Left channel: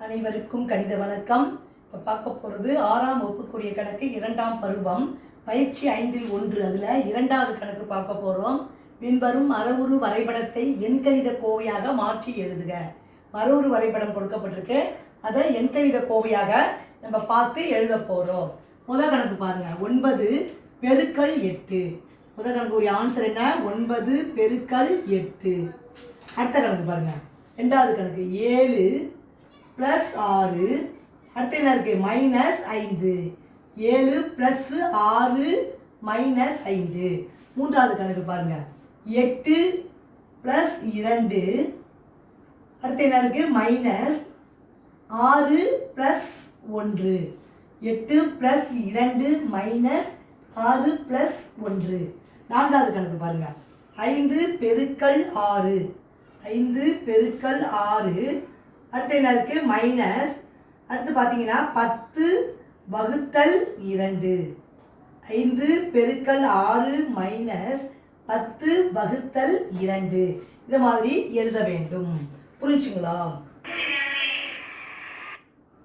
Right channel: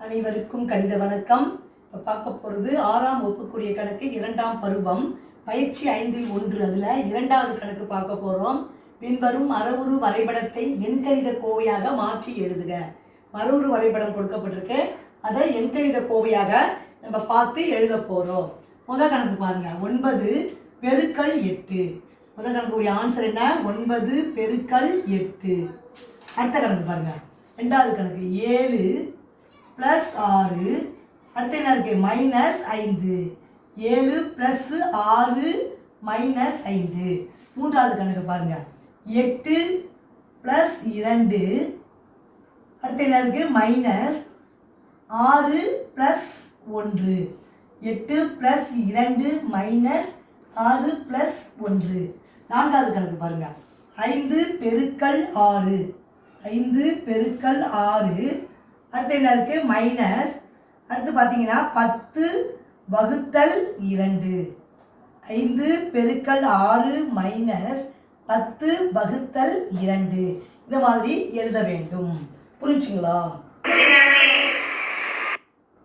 அனைவருக்கும் கணித வணக்கம். இப்போ பார்க்க போகிறது 6ஆம் வகுப்புக்குரிய கணக்கு 2ஆம் பருவம் பயிற்சி 5இல் 1. அதில் 2வது கணக்கு பார்க்க போகிறோம். பின்வரும் மரவுரு வரைபடத்தை எண்கணித கோவையாக மாற்றி எழுதுக. மரவுரு வரைபடம் கொடுக்கப்பட்டிருக்கு, அதை எண்கணித கோவையாக நம்ம பார்த்து எழுத போகிறோம். முதல் கணக்கு பாருங்கள், 9 பெருக்கல் 8. முதல் கணக்கு ஆன்சர் என்ன? 9 பெருக்கல் 8. அடுத்த கணக்கு பாருங்கள், ரெண்டாவது கணக்கு 7 + 6. அடுத்து என்ன இருக்குது? -5. 7 + 6 -5. மூன்றாவது கணக்கு பாருங்கள், 8 + 2. அடுத்து என்ன இருக்குது? -6 + 1. 8 + 2 -6 + 1. நான்காவது கணக்கு பாருங்கள், 5 பெருக்கல் 6. 5 பெருக்கல் 6. அடுத்து என்ன இருக்குது? மைனஸ். அடுத்து பார்த்தீங்கன்னா 10 வகுத்தல் 2. 5 பெருக்கல் 6 -10 வகுத்தல் 2. இந்த மாதிரி எழுத வேண்டும். புரிஞ்சுங்களா?